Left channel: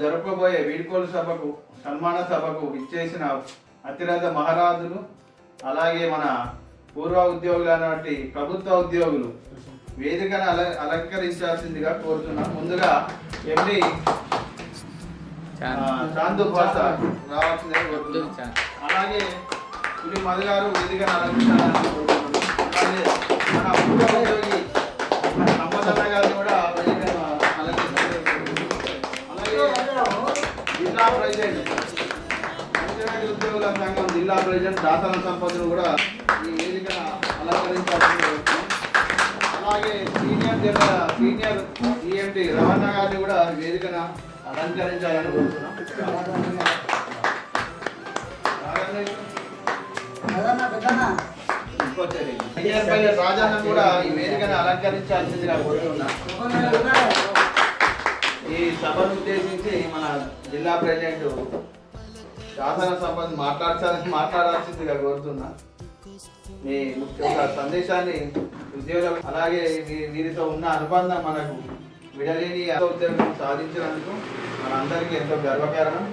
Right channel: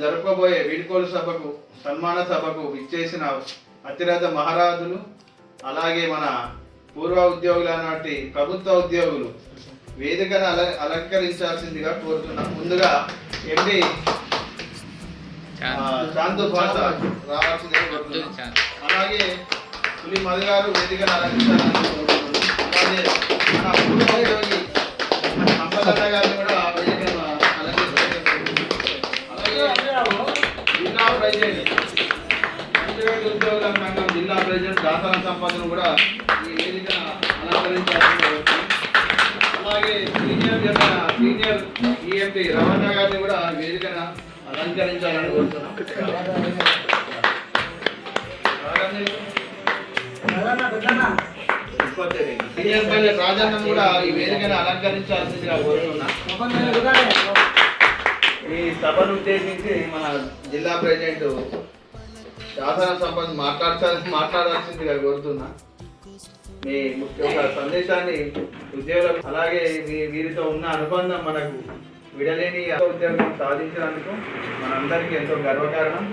జరపబోయే వీడ్కోలు సభకు సన్మాన సభకు ఇచ్చేసిన అతిరథ మహారాజులు అలాగే మన పూర్వ ఉద్యోగులు అన్నటువంటి ప్రభుత్వ ఉద్యోగులు వేదికను అలంకరించాల్సిందిగా కోరుతున్నాం. ముందుగా ఎండి శాంతు భాష రావాల్సిందిగా కోరుతున్నాం. అలాగే పులి మధు గారు వేదికను అలంకరించాలని కోరుతున్నాం. అలాగే మన పూర్వ ఉద్యోగి సంపద గారు కూడా వేదికను జిల్లా ప్రెసిడెంట్ ఉద్యోగుల సంఘం జిల్లా ప్రెసిడెంట్ దాసన సంపదను కూడా ఈ వేదిక అలంకరించాలని అలాగే సీనియర్ ఈఎంటీ రమణ గారిని కూడా వేదికను అలంకరించాలని కోరుతున్నాం. సీనియర్ ప్రెసిడెంట్ రాజన్న కూడా ఈ వేదికను అలంకరించాల్సిందిగా కోరుతున్నాం. ఈ సభను ఉద్దేశించి మన జిల్లా ప్రెసిడెంట్ శాసన సభ మాట్లాడాల్సిందిగా కోరుతున్నా. మీ ముఖ్య సందేశాన్ని ఉద్యోగులు అలాగే వీరితో ఉన్న అనుబంధం మనకు విడలేని ఉద్యోగం సాధించినందుకు మనందరికీ ఎంతో గర్వకారణం.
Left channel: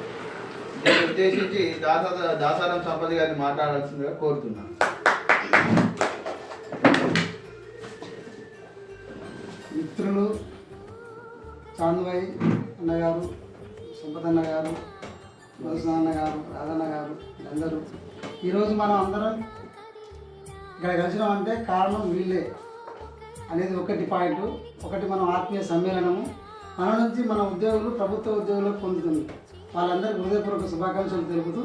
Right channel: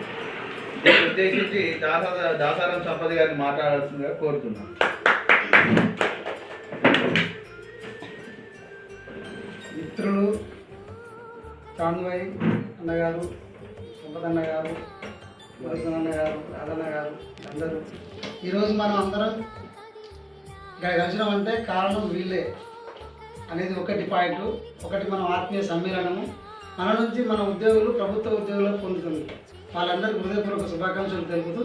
దీన్ని ఉద్దేశించి దాసారం సంపద గారిని మాట్లాడాల్సిందిగా కోరుతున్నాను. మిత్రులు చాందమయ్య అన్నగారు, సంపద అన్నగారు, వరుస అన్నగారు, రాజన్న గారు అందరూ ఈరోజు మనం అందరం ఇక్కడ కలిసినాం అంటే కారణం వీళ్ళే అనేది ఒకటి పాయింట్. ఒకటి మనం ఆత్మీయ సమ్మేళనము మన నుంచి మన ఉద్యోగులు ప్రభుత్వ ఉద్యోగులకు పొందుతుంది. వాళ్ళందరికీ హృదయపూర్వక శుభాకాంక్షలు తెలుపుతూ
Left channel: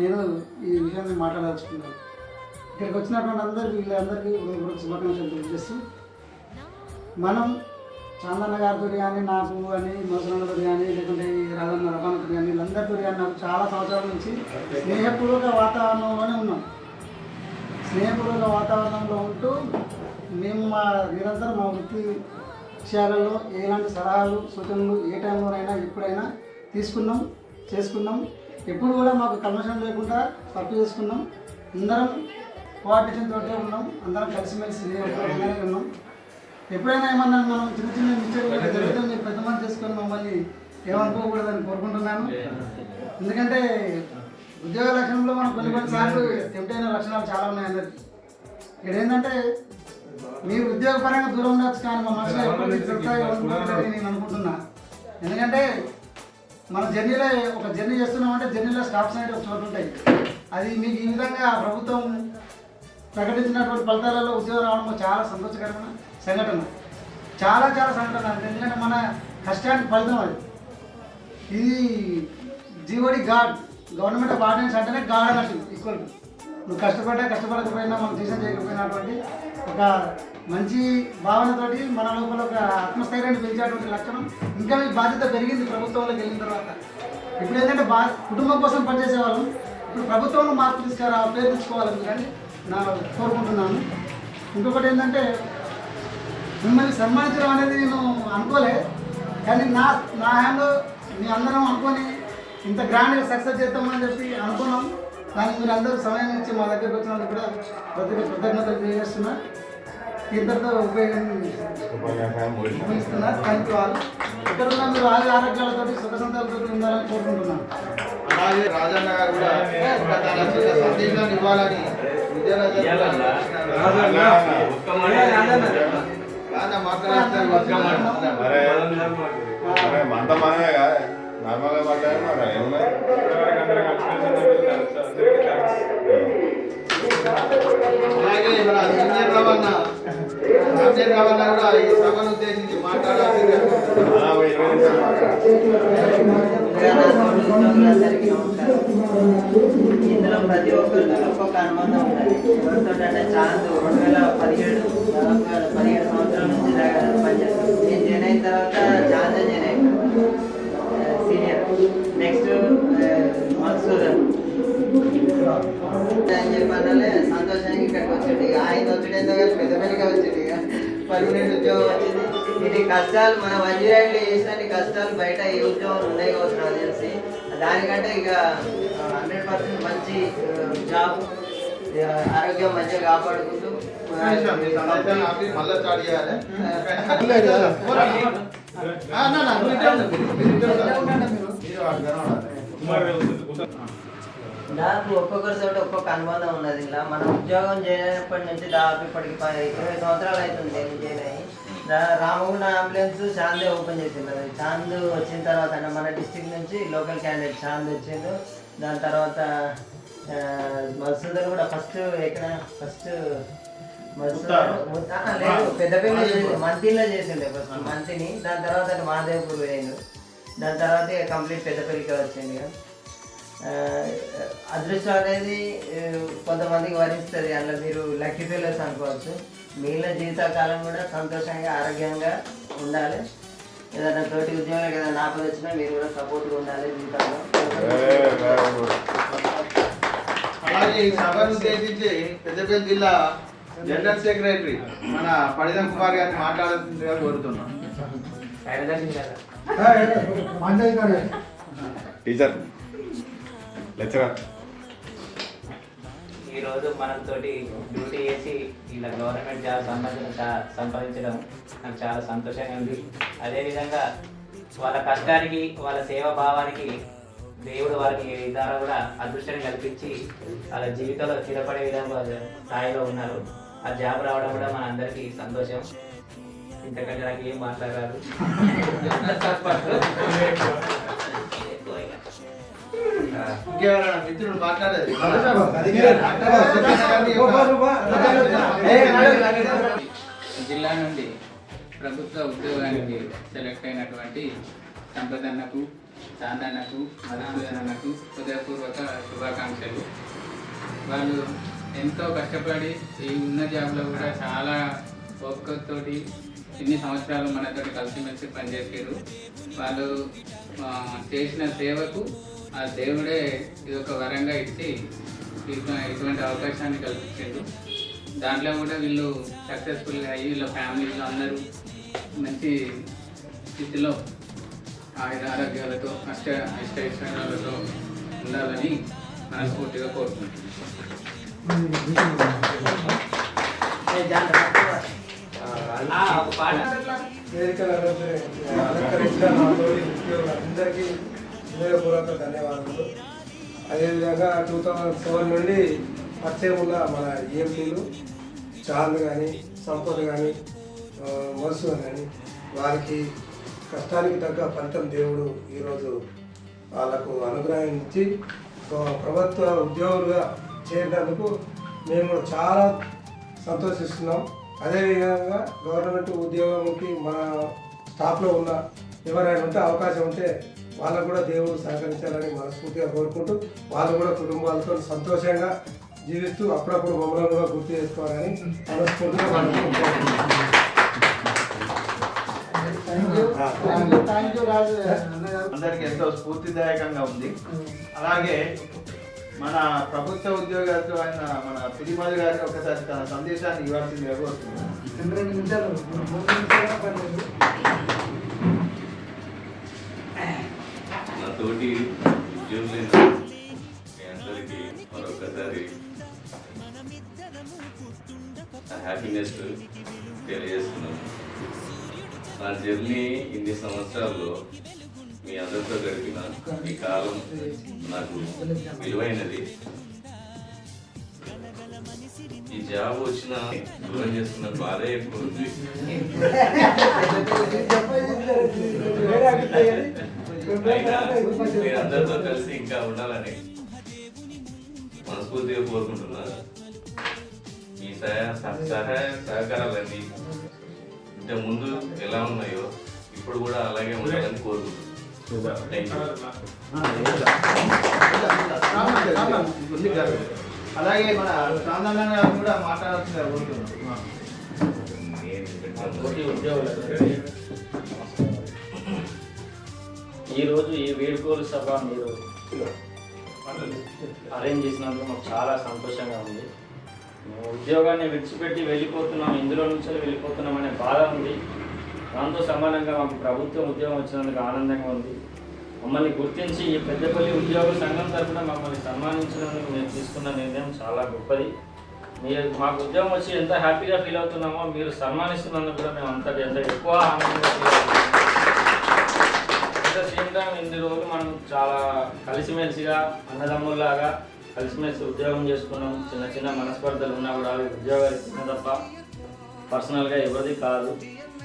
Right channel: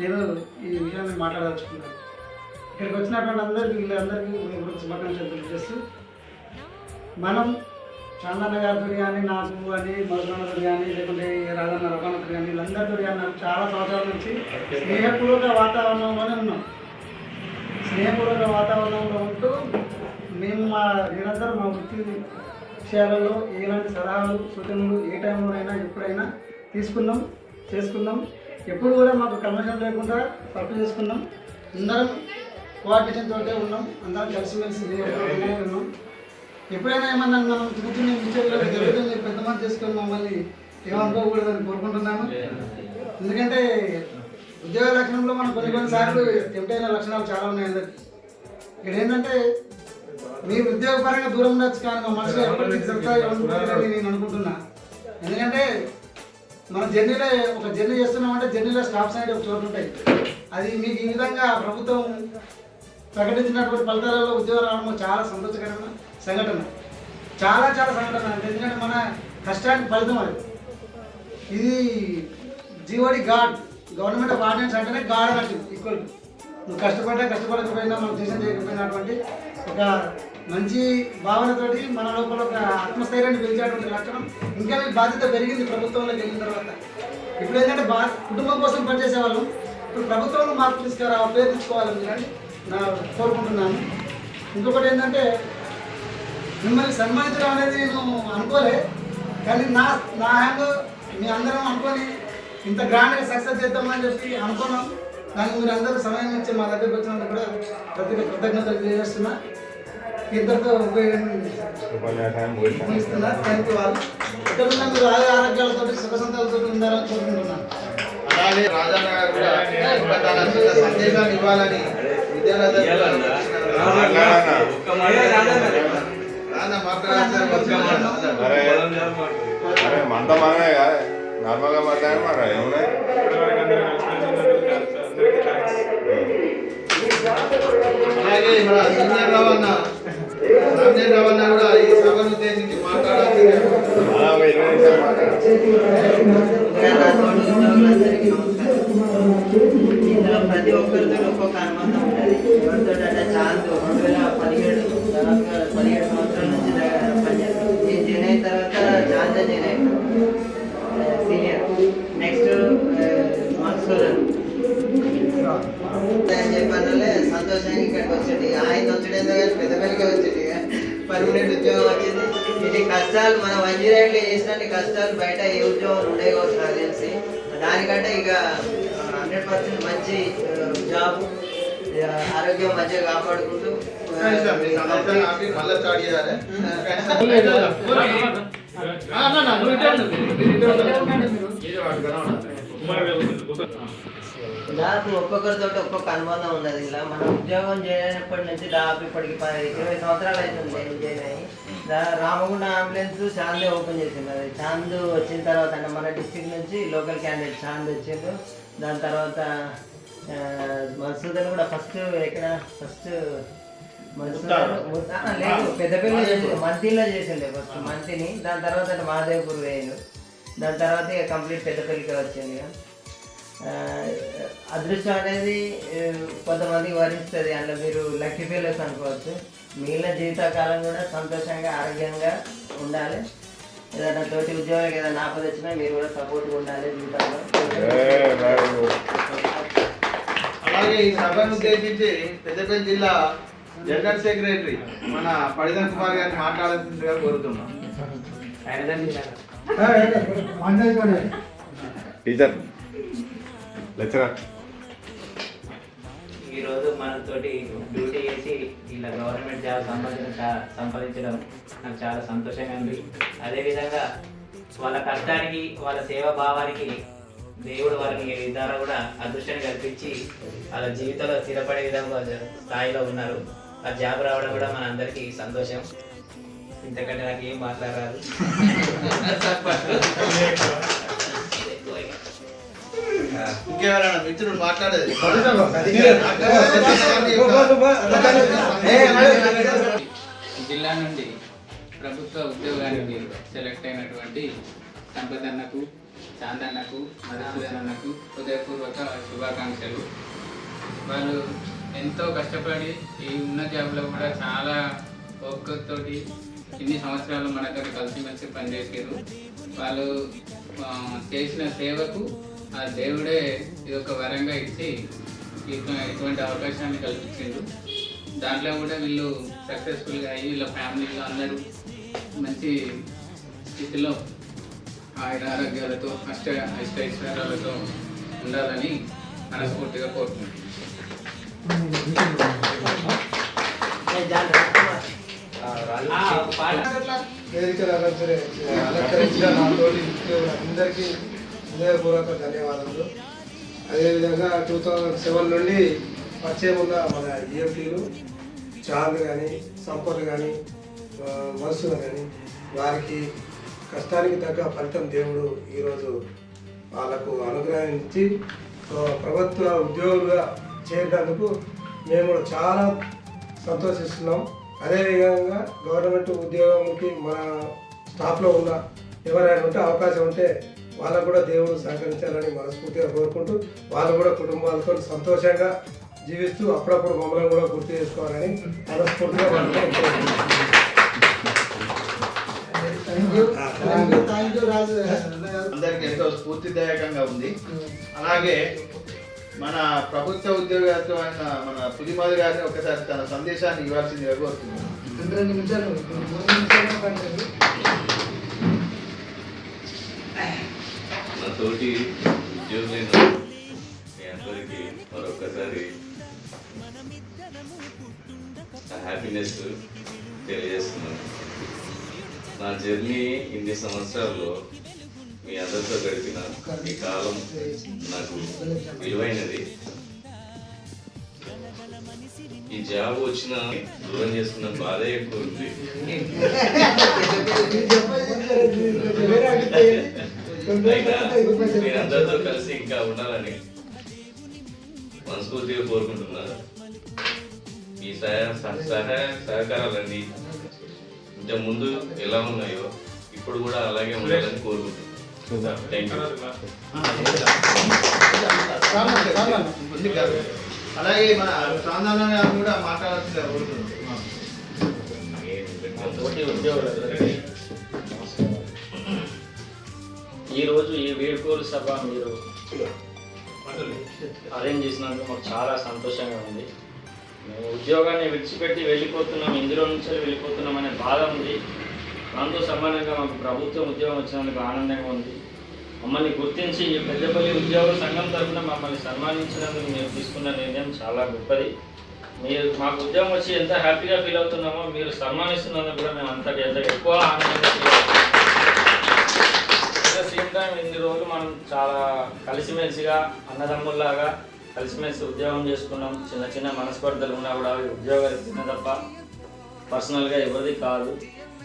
నేను ఈ విషయాన్ని మాట్లాడాల్సుకున్నాను. ఇక్కడికి వచ్చినటువంటి అందరికీ వీళ్ళందరికీ హృదయపూర్వక శుభాకాంక్షలు తెలియజేస్తూ మనం చాందన్న గారితో కానీ నాకు అని మధురన్నతో కానీ లేకుంటే రాజన్న రవాణతో కానీ వీళ్ళందరితో కానీ నాకు చాలా సంవత్సరాల నుంచి స్నేహపూర్వక వాతావరణంలోనే ఉన్నాం. స్నేహపూర్వక వాతావరణంలో ఉంటూ మేము నిరంతరం మా వృత్తి విషయాలలో ఎలాంటి సలహాలు సూచనలు ఏ టైంలోనైనా ఎప్పుడైనా తీసుకున్నాం, చేసుకున్నాం. ఎప్పుడు కూడా మాకు కమిషన్ లేకుండా వర్క్ చేసుకున్నాం. అందరం కోఆర్డినేషన్ తోటే ఉన్నాం. అందరం కలిసిమెలిసి ఉన్నాం. ఎప్పుడైనా ఏమన్నా మనం చిన్న చిన్న మిస్టేక్లు జరిగితే మీరు పెద్ద మంది చేసుకొని మమ్మల్ని ఏమనుకోకూడదని కోరుకుంటున్నాను. ఎందుకంటే ఉద్యోగ లక్షణంలో మనం కొన్నిసార్లు టెంప్ట్ లక్షణాలు చాలా ఉన్నాయి అందరికి. ఇక్కడ ఏంటంటే మీరు ఉద్యోగపరంగా దూరం ఉండొచ్చు కానీ మా మనసులో ఎప్పటికీ దొరుకుతాయి ఏమనుకుంటారని నేను అనుకుంటున్నా. ఎందుకంటే మన జర్నీలో ఒక జర్నీ చేస్తున్నామంటే జర్నీలో స్టాప్స్ అనేది ఒక చోటు ఉంటాయి. అది మీకు ఈ విధంగా ప్రభుత్వం ప్రకటించినటువంటి ఫలితాలలో ఉద్యోగం రావడం చాలా సంతోషకరమైన సంఘటన. చాలా చాలా సంఘటన. ఎందుకంటే మన కష్టానికి ఫలితం అది. ఇది జీవోడి గాడ్ గవర్నమెంట్ ఆఫ్ ఆర్డినెన్స్ అంటేనే గాడ్ అన్నట్టు ఈక్వల్. నువ్వు కష్టపడకపోయినా మనం చేసిన చేయకపోయినటువంటి ఒక మంచి భావనతోటి మన లోపల ఒక ఆత్మస్థైర్యాన్ని పెంచేటువంటి లక్షణం ఇంకా మీ బాధ్యత పెరిగింది ప్రభుత్వంలోకి వెళ్ళిన తర్వాత. ఇప్పుడు ఏంటంటే కుటుంబం కోసం పనిచేసే వాళ్ళం ఇప్పుడు ప్రభుత్వంలో మార్పు పేరు తీసుకోవాలని కానీ నా కోరుకుంటున్నాను. ఇంకొకటి ఏంటంటే మిమ్మల్ని సన్మానించడం అనేది నేను అనుకోలే, కానీ నా హ్యాండ్ మీ అందరం అనుకొని ఇంత గ్రాండ్గా సక్సెస్ చేద్దామని చెప్పి అనుకున్నాం. కానీ మీరు అందరూ సమయం ఇచ్చి మా దగ్గరికి వచ్చినందుకు కూడా ప్రతి కృతజ్ఞతలు తెలియజేస్తున్నా. ఇద్దరితో ఉపయోగిస్తున్నా. థ్యాంక్ యూ వాళ్ళు. ఇక్కడ ఉన్న మీరు ఆరోగ్యాలతో సుఖ సంతాలతో ఉండాలని కోరుకుంటున్నాను. అలాగే రాజన్న గారు కూడా సందేశాన్ని ఇవ్వాలని రవాణా కూడా ఈ సభను ఉద్దేశించి మాట్లాడాలి. ఇందులో ప్రతి ఒక్కరితో ఒక్కొక్క అనుబంధం ఉంటుంది. ఎవరితో అంటే చాందు 2017 సంవత్సరాల నుంచి పనిచేస్తాను. నేను జాయిన్ అయిన తర్వాత జాయిన్ అయ్యాను సీనియర్. నెక్స్ట్ మన్సూరన్ అని చెప్పానే సంతోషంగా ఇక్కడికి వచ్చాడు. ఆయన వచ్చాడు కానీ పెద్దపల్లిగా వచ్చాడు. ఇక పర్మనెంట్ ఉద్యోగం వచ్చింది. ఇది కష్టాలు మనం వంజీరాయిలో చేసినన్ని కష్టాలు బయట ఏ ఉద్యోగం ఉన్నాయి కావచ్చు నాకు తెలిసి. దానికంటే ఇక 100% మంచి జాబ్, ఆరోగ్యం మంచిగా కాపాడుకుంటూ నాకు ఒక్కొక్కరితో ఒక్కొక్క అనుబంధం ఉన్నది. ఇలా మనం ఉద్యోగం చేయనప్పటి నుంచి దాదాపు ఇప్పటికి 20 సంవత్సరాలు అవుతుంది నేను జాయిన్ అయ్యి. రామగుండ అంబులెన్స్ చాందే ఓపెన్ చేసింది. అది చాంద్ వచ్చిన తర్వాత అంటే మన డిస్టిక్ నుంచి లోకల్ క్యాండిడేట్ చాంద్ వచ్చిండు. దాని తర్వాత మధుసూదన్ కూడా ఫస్ట్ లేదు పెద్దపల్లి మంతిలో చేసిండే ఫస్ట్ మంతిని. దాని తర్వాత మహాదేవ్పూర్ వేయండు. దాని తర్వాత ఇక కంప్లీట్ పెద్దపల్లికి వచ్చింది. ఇక అదృష్టం అనేది కొంతమందికి వరిస్తుంది. అందులో మీరు లక్కీ ఫెయిలర్స్ అనుకోవచ్చు. మిగిలిన జీవితకాలం కూడా సంతోషంగా ఆరోగ్యంగా ఉండాలి. ఏదైనా తోటి ఉద్యోగాలకు ఏదైనా ఆపద వచ్చినా మీరు కూడా సపోర్ట్గా ఉండాలి జీవితంలో. అలాగే ఈ సభను ఉద్దేశించి పెద్దపల్లి జిల్లా జనరల్ సెక్రటరీ మన పడిదం కుమార్ గారిని మాట్లాడుతుందిగా కోరుతున్నాం. టీచర్ లెక్చరర్ ఈరోజు మనతోటి డ్యూటీ చేసి ఇలా గవర్నమెంట్ జాబ్ సంపాదించడం నాకు చాలా సంతోషంగా ఉంది. అదేవిధంగా వాళ్ళ కష్టానికి వాళ్ళ సేవా భావానికి దేవుడు వారికి ఈ విధానం కూడా అదృష్టాన్ని కల్పించి వాళ్ళ జీవితంలో స్థిరపడే విధంగా స్థాయిలో ఉన్నారు. ఆ జాబ్ రావడం కూడా మన అందరికీ సంతోషం. ఇంతకంటే నాకు ఏం మాట్లాడారు. ఇంకేమైనా మిత్రుడు మాట్లాడేది జిల్లా నుండి ప్రభుత్వ ఉద్యోగానికి సెలెక్ట్ అయినటువంటి సంపదన్నకు, చాందన్నకు, మధుసూదనన్నకు హృదయపూర్వక శుభాకాంక్షలు. వాళ్ళు ఎంతో కష్టపడి ఈ ఉన్న జాబ్లో కూడా చాలా ఓపికతోటి ఇన్ని సంవత్సరాలు మనతో కలిసిమెలిసి పనిచేసారు. వాళ్ళు చేసిన సేవకు ఆ దేవుడే ఇది ఒక వరంగా ఇచ్చి ఇటువంటి అవకాశాన్ని కల్పించారు. దాంట్లో కూడా వీళ్ళు సక్సెస్ఫుల్గా అయ్యి వీళ్ళ ఫ్యామిలీలో అందరూ మంచి స్థితిలో ఆరోగ్యాలతో అష్టైశ్వర్యాలతో ఉండాలని మనస్ఫూర్తిగా కోరుకుంటున్నాను. అలంకరించిన మా తోటి అందరికీ హృదయపూర్వక ధన్యవాదాలు. అదేవిధంగా 2007 నుండి పరిచయం ఉన్న మన ఈఎంటీలు చాంద్ కానీ, సంపత్ కానీ, మధుసూదన్ కానీ వారికి కష్టానికి తగ్గ ఫలితం దేవుడు ఈరోజు వాళ్ళకు అనుగ్రహించి ప్రభుత్వ ఉద్యోగులుగా చేరినందుకు మేము చాలా సంతోషిస్తున్నాం. అదేవిధంగా గవర్నమెంట్ ఉద్యోగంకి మన స్టాఫ్లో ఉన్న ఎవరైనా ఉంటే అవకాశం ఉంటే వాళ్ళకు కూడా దేవుడు సహకరించాలని మనస్ఫూర్తిగా కోరుకుంటూ వాళ్ళు కూడా కుటుంబాలతో సంతోషంగా జీవిస్తూ అప్పుడప్పుడు మమ్మల్ని కూడా గుర్తు చేసుకోవాలని మనస్ఫూర్తిగా అందరికి ఎంతో స్ఫూర్తిదాయకంగా ఉంది. అలాగే మన ప్రభుత్వ ఉద్యోగస్తులైన మన పులిమాది గారిని ఒకసారి తన సందేశాన్ని ఇవ్వాల్సిందిగా కోరుతున్నాను. నా తోటి ఉద్యోగులైన మీ అందరికీ మరొకసారి హ్యాపీనెస్ తెలియజేస్తున్నాను. నా జర్నీ ఇన్ని సంవత్సరాల్లో మీ అందరితో గడిపిన ఈ కాలం నాకు విలువైనది. ఈ జాబ్ వచ్చిన దూరం చేసుకున్న బాధే ఎక్కువ ఉంది. నేను అందరితో కలిసి ఇంకా ఉండాలని మనస్ఫూర్తిగా కోరుకుంటున్నాను. ఈ సహాయ సహకారాలన్నీ ఇంత ముందు ఎలా ఉన్నాయో ఇప్పుడు కూడా అలాగే ఉండాలని కోరుకుంటున్నాను. అలాగే మన చాందన్న గారు కూడా మాట్లాడాల్సిందిగా కోరుతున్నాను. తోటి ఉద్యోగులందరికీ ఈరోజు ఈ వీడ్కోలు సభ మీరు అరేంజ్ చేసినందుకు మాకు చాలా సంతోషంగా ఉంది. మేము ఉద్యోగాన్ని విడిచిపెట్టి వెళ్ళిపోతున్నాం, ఇందులో నుంచి వెళ్ళిపోతున్నాం అనే బాధ ఉంది. దాంతో సమానంగా మాకు ప్రభుత్వం ఉద్యోగం వచ్చినందుకు ఆనందంగా ఉంది. మమ్మల్ని గుర్తించి ఈ పెద్దపల్లి ఉద్యోగ సంఘం తరఫున మమ్మల్ని సన్మానించినందుకు మేము తీసుకున్న నిర్ణయం చాలా గొప్పది. మీరు మాకు ఉద్యోగం వచ్చి ఎంత హ్యాపీగా ఫీల్ అవుతున్నామో మీరు సన్మానిస్తున్నందుకు కూడా మేము అంత ఎక్కువ ఆనందంగా ఫీల్ అవుతున్నాం. ద సేమ్ టైం ఇన్ని రోజులు మనం చాలా కలిసిమెలిసిగా అన్నదమ్ముల్లాగా కలిసిమెలిసి ఉద్యోగం చేసుకున్నాం. చిన్న చిన్న మనస్పర్ధలు ఉన్నా కూడా అవి ఉద్యోగాలు తప్ప పర్సనల్గా ఎవరిది కాదు.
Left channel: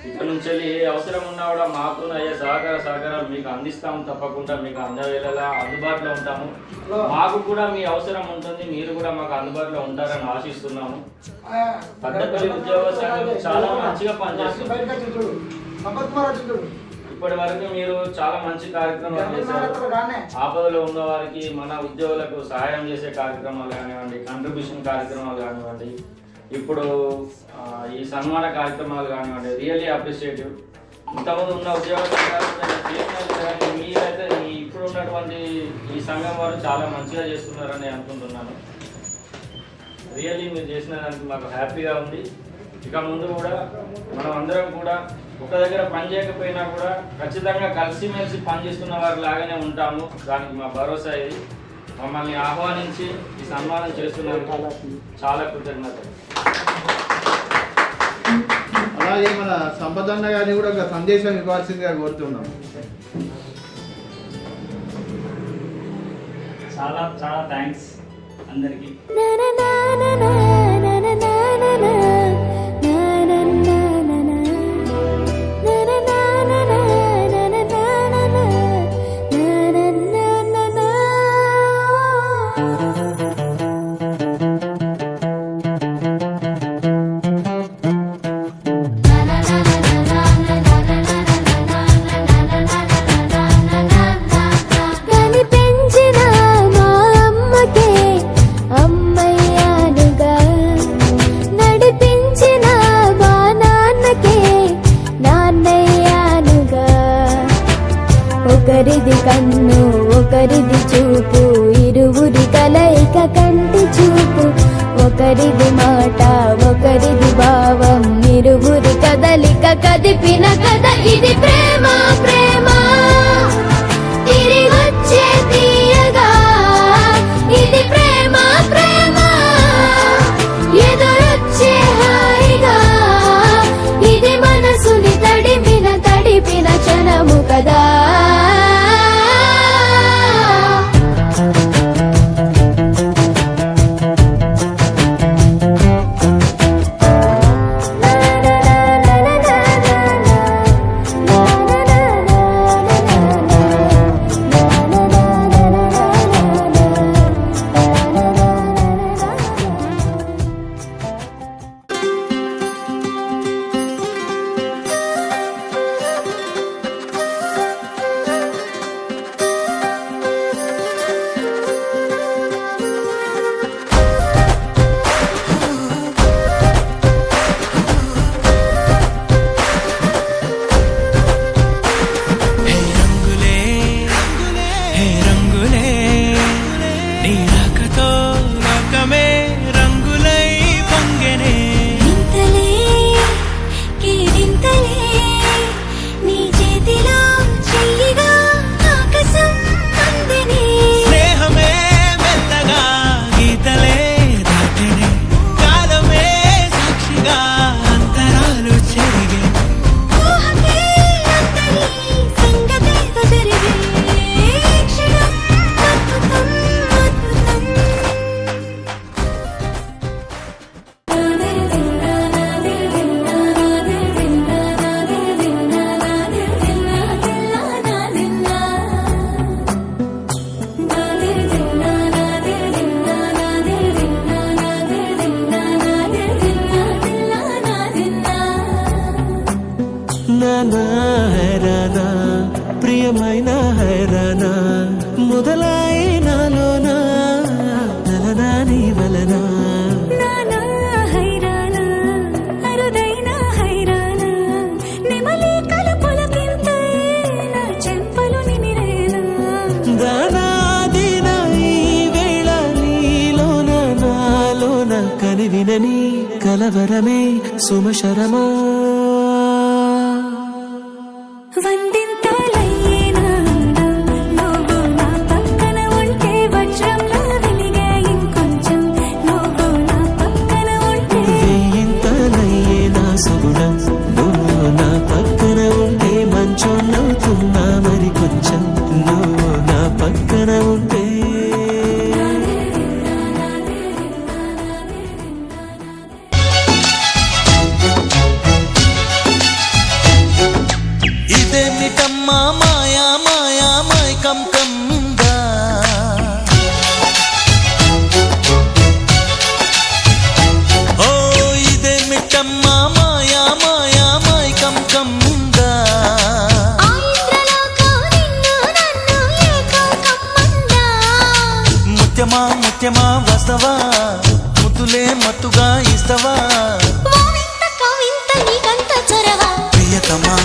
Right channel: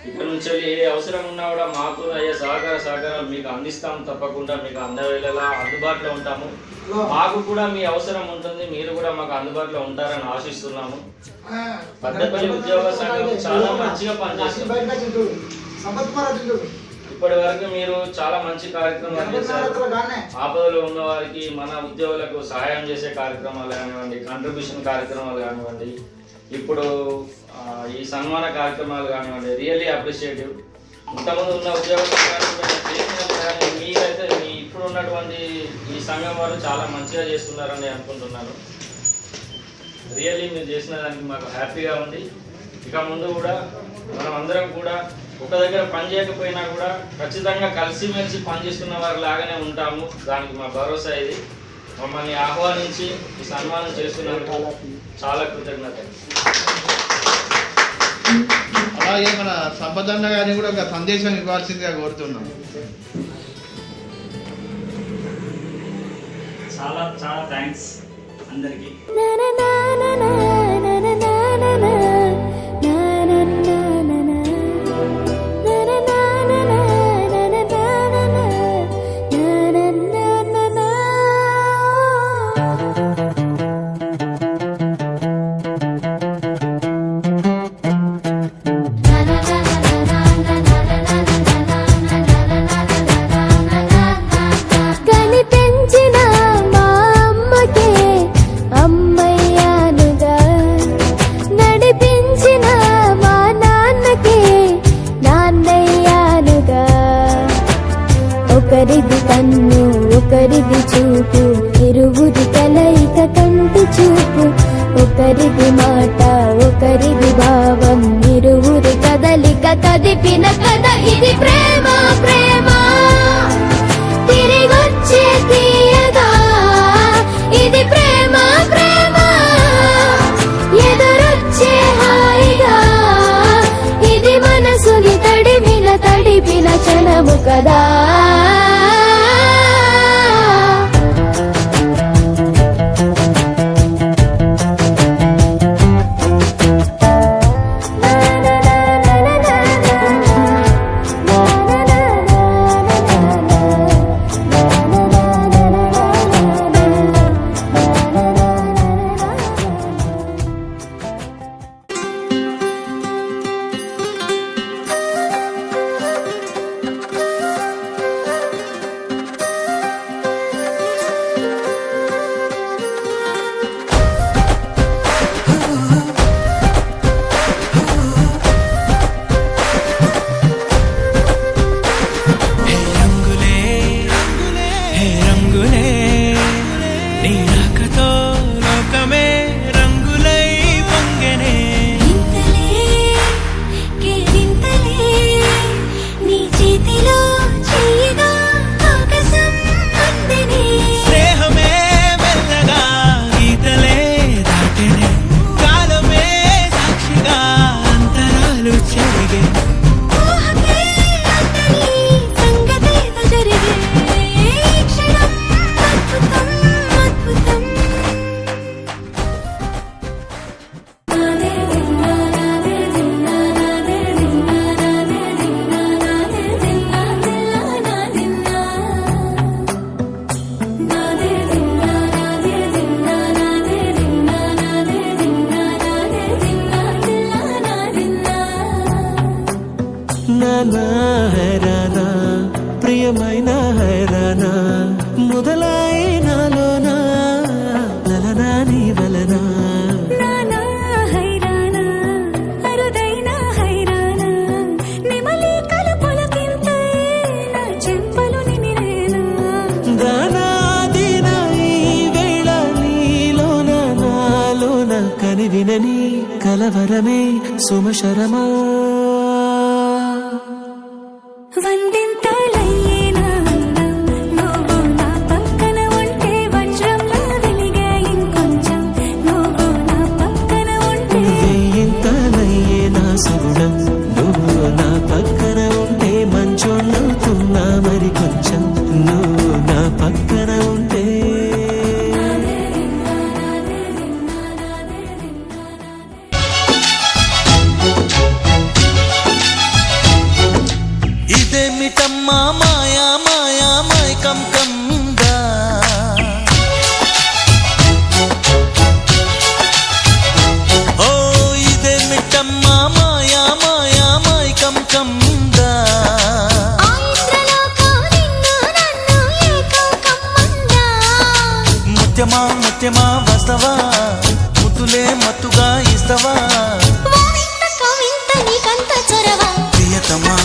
ఇక్కడ నుంచి వెళ్ళి ఏ అవసరం ఉన్నా కూడా మాకు అయ్యే సహకారాలు మీకు అందిస్తాము. తప్పకుండా మీకు అందవేళలా అందుబాటులో ఉంటాము. మాకు కూడా మీ అవసరం ఉంటుంది, మీరు కూడా మాకు అందుబాటులో ఉంటారని ఆశిస్తున్నాము. పెద్దపల్లి ఉద్యోగ సంఘం చాలా మంచిగా పనిచేస్తుంది. ఇప్పటి వరకు మీరు చాలా మంచి కార్యక్రమాలు చేశారు. ఆపదలో ఉన్న వారికి, మన ఉద్యోగులకు సహాయం చేసే కార్యక్రమాలు కానివ్వండి, కంట్రిబ్యూషన్ కార్యక్రమాలు కానివ్వండి, ఇప్పుడు ఈ సన్మాన కార్యక్రమాలు కానివ్వండి, రియల్లీ అప్రిషియేటివ్. ఇంతకుముందు ఉన్న ఉద్యోగులు కానీ మీరైతే మీ ఇప్పుడు ఉన్నటువంటి ఈ సంఘం వారు చాలా మంచిగా చేస్తున్నారని అనుకుంటున్నాను. రియల్లీ మీరు చేసిన దానికి మాకు హ్యాపీగా ఉంది. ఇక ముందు కూడా మనం అందరం కూడా ఒక దగ్గర పని చేయకపోయినా కూడా ఖచ్చితంగా కలిసిమెలిసి పనిచేస్తున్న వారి లాగానే ఉంటాము. దానికి మా భరోసా ఇది. మమ్మల్ని ఆహ్వానించి ఈ సన్మానం చేస్తున్నందుకు చాలా కృతజ్ఞతలు. అలాగే మన సంపదన్న గారిని కూడా ఒక సందేశం ఇవ్వాల్సిందిగా కోరుతున్నాను. చాలా చాలా థ్యాంక్స్ అందరికీ. ఒకరిది కన్ను ఒకరిది చూపు, ఇరువురి కలయిక కంటి చూపు. ఒకరిది మాట ఒకరిది భావం, ఇరువురి కదలిక కదిపిన కథ ఇది ప్రేమ. ప్రేమ తిరిగొచ్చే తీయగా ఇది ప్రేమ. ప్రేమ ఎదురొచ్చే హాయిగా ఇది మనసుని తడిపిన క్షణము కదా. హైరానా ప్రియమైన హైరానా మొదలైనాలోన నలనా నీ వలనా కనివినని కలవరమే సుమశరమా వందింతలయ్యేనా నువ్వు నా పక్కన ఉంటే వజ్రంలా వెలిగే ఇంకొంచెం నువ్వు నా పక్కన ఉంటే వేయింతలయ్యేనా సగుణం నువ్వు నా పక్కన ఉంటే మంచోళ్ళవుతున్నా మరి కొంచెం మిట్టమ్మ మాయా మాయా మైకం కమ్మిందా ఓ ఇదే మిట్టమ్మ మాయా మాయా మైకం కమ్మిందా ఆ ఇంద్రలోకం నిన్ను నన్ను ఏకం కమ్మందా ముత్యమా ముత్యమా వస్తవా ముద్దులే మత్తుగా ఇస్తవా ఓ వింత కవింత నీకంత చొరవా ప్రియతమా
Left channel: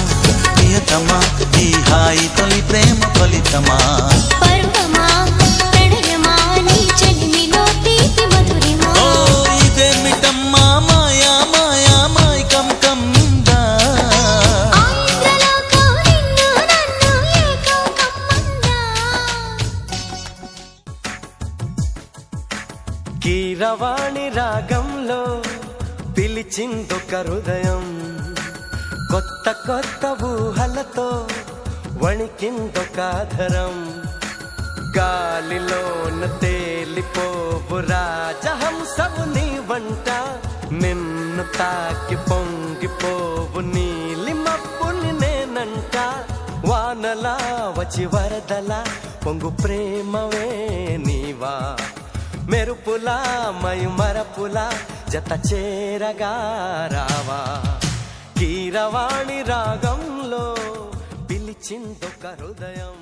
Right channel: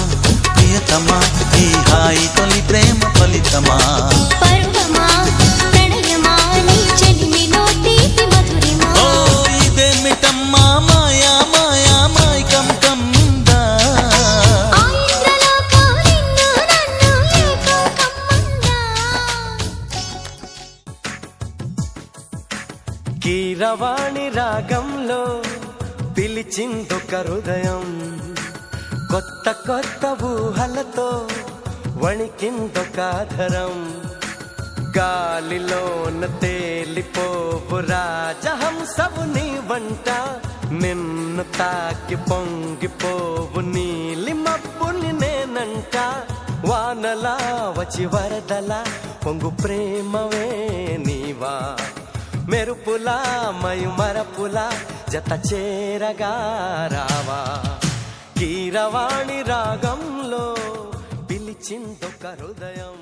ప్రియతమా ఈ హాయి తొలి ప్రేమ ఫలితమా పరువమా ప్రణయమా నీ చెలిమిలో తీపి మధురిమా ఓ ఇదే మిట్టమ్మా మాయా మాయా మైకం కమ్మిందా ఆ ఇంద్రలోకం నిన్ను నన్ను ఏకం కమ్మందా కీరవాణి రాగంలో పిలిచిందొక హృదయం కొత్త కొత్త ఊహలతో వణికిందొక ధరం గాలిలోన తేలిపోవు రాజహంసవు నీ వంట నిన్ను తాకి పొంగిపోవు నీలి మబ్బుని నేనంట వానలా వచ్చి వరదలా పొంగు ప్రేమవే నీవా మెరుపులా మయుమరపులా జత చేరగా రావా కీరవాణి రాగంలో పిలిచిందొక హృదయం